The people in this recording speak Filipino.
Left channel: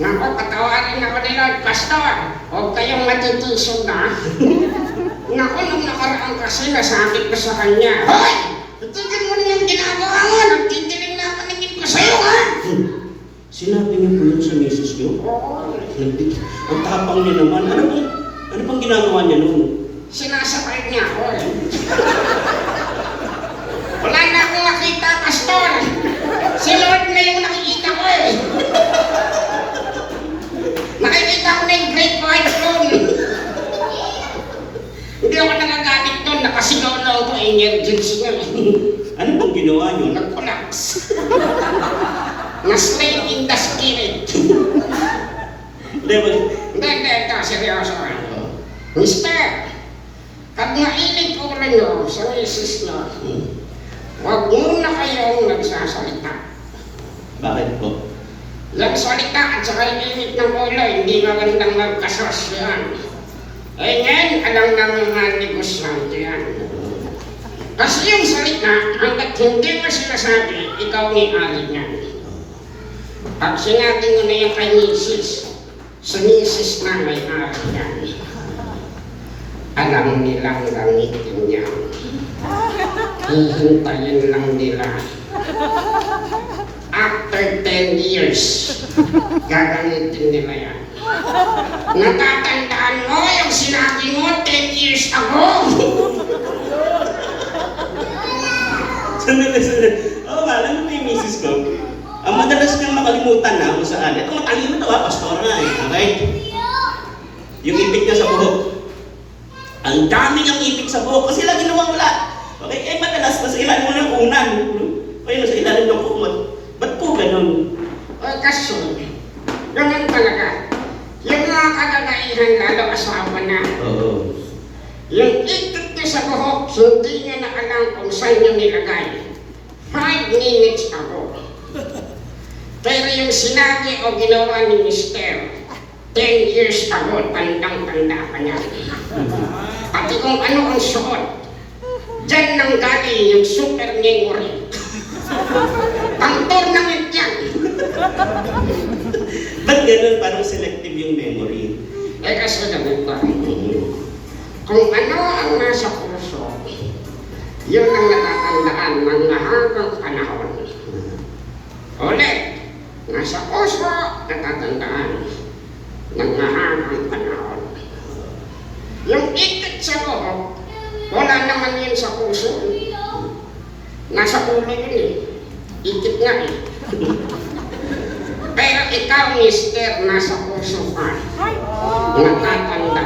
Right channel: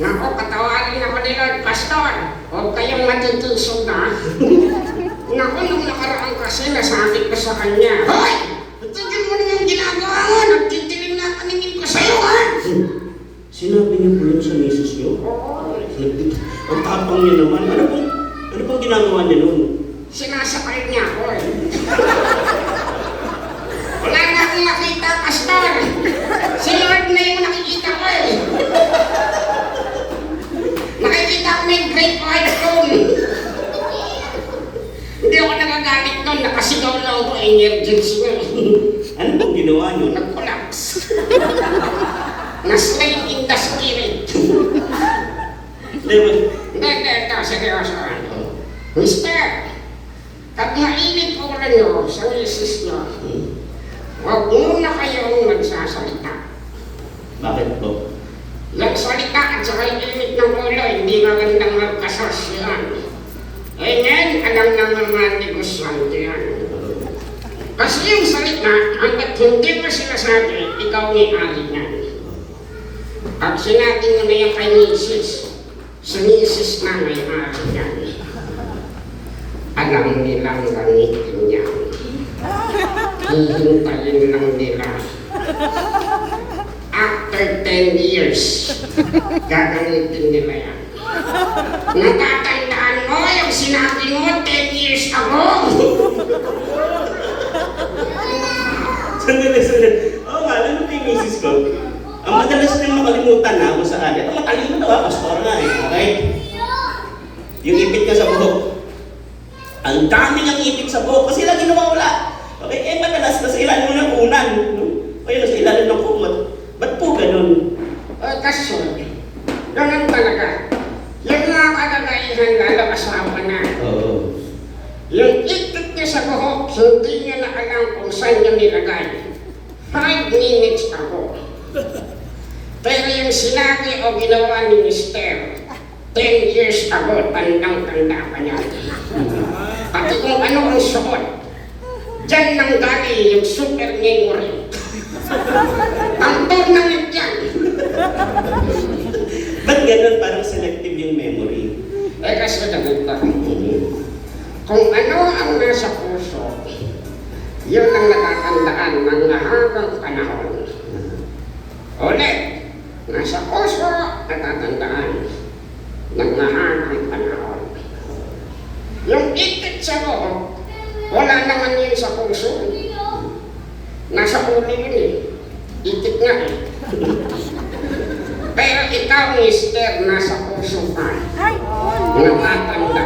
Naku, patawarin ako ni Lord Pastor. Huwag kayong matitisog na. Naku, nung nakaraan kasi nasabi ko sa kanya, hoy! Tignan mo na yung ginagawa mo. Nagtitiling na paningin ko sa'yo, ha? Sinabi niyo po yun sa misis niyo? Oo. Ang tapang niyo naman. Ano pang ginagawa niya noon? Sinasakay niya ako eh. Wala na akong nakita, Pastor. Si Lord na yung nakikita ko eh. Nakikita ko na yung great white throne. Hindi ako nagagalit noon, nakasigaw lang ako emergency na eh. Ano pong ginawa niyo? Nag-collapse. Na-slain in the spirit. Hindi, ito, seryoso. Mister, pag nainig ko na nyo sa misis nyo, huwag muna kayong magsasalita. Bakit po? Yung salita at saka yung init ng ulo, hindi magandang magkasos yan. Eh ngayon, alam na mga negosyante yan. Kasi yung salita, hanggat hindi mo sinasabi, ikaw may-ari niyan. Pag sinabi nyo na yan kay misis, si misis na may-ari niyan. Alam nilang gamitin niya. Hihintayin lang nila. After 10 years, gagamitin nila yan. Natatandaan mo yung sinabi mo 10 years ago? Sandali. Oo nga, alam mo ba yung misis ko? Ang madalas na makalimutan na mo sa kanya. Ito makalimutan ba? Pastor na eh. Okay? Yung ipit niya sa buhok. Ang dami niyang ipit sa buhok kasi lagi nawawala. Okay? Eh madalas na sa ilalim ng unan. O yun, sa ilalim ng kumot. Ba't po ganun? Kasi, ganun talaga. Yung mga kalalaihan lalo asawa na. Oo. Yung ipit niya sa buhok, hindi niya na alam kung saan niya nilagay. 5 minutes ago. Pero yung sinabi o ginawa ni Mister, 10 years ago, tandang-tanda ka niya. Pati kung ano ang suot, dyan nang galing yung super memory. Pang-tournament yan. Ba't ganun? Parang selective yung memory. Eh kasi ganito. Kung ano ang nasa puso, yun ang natatandaan ng mahabang panahon. Ulit, nasa puso, natatandaan ng mahabang panahon. Yung ikit sa loob, wala naman yun sa puso. Nasa ulo yun eh. Ikit nga eh. Pero ikaw, Mister, nasa puso ka. Natatandaan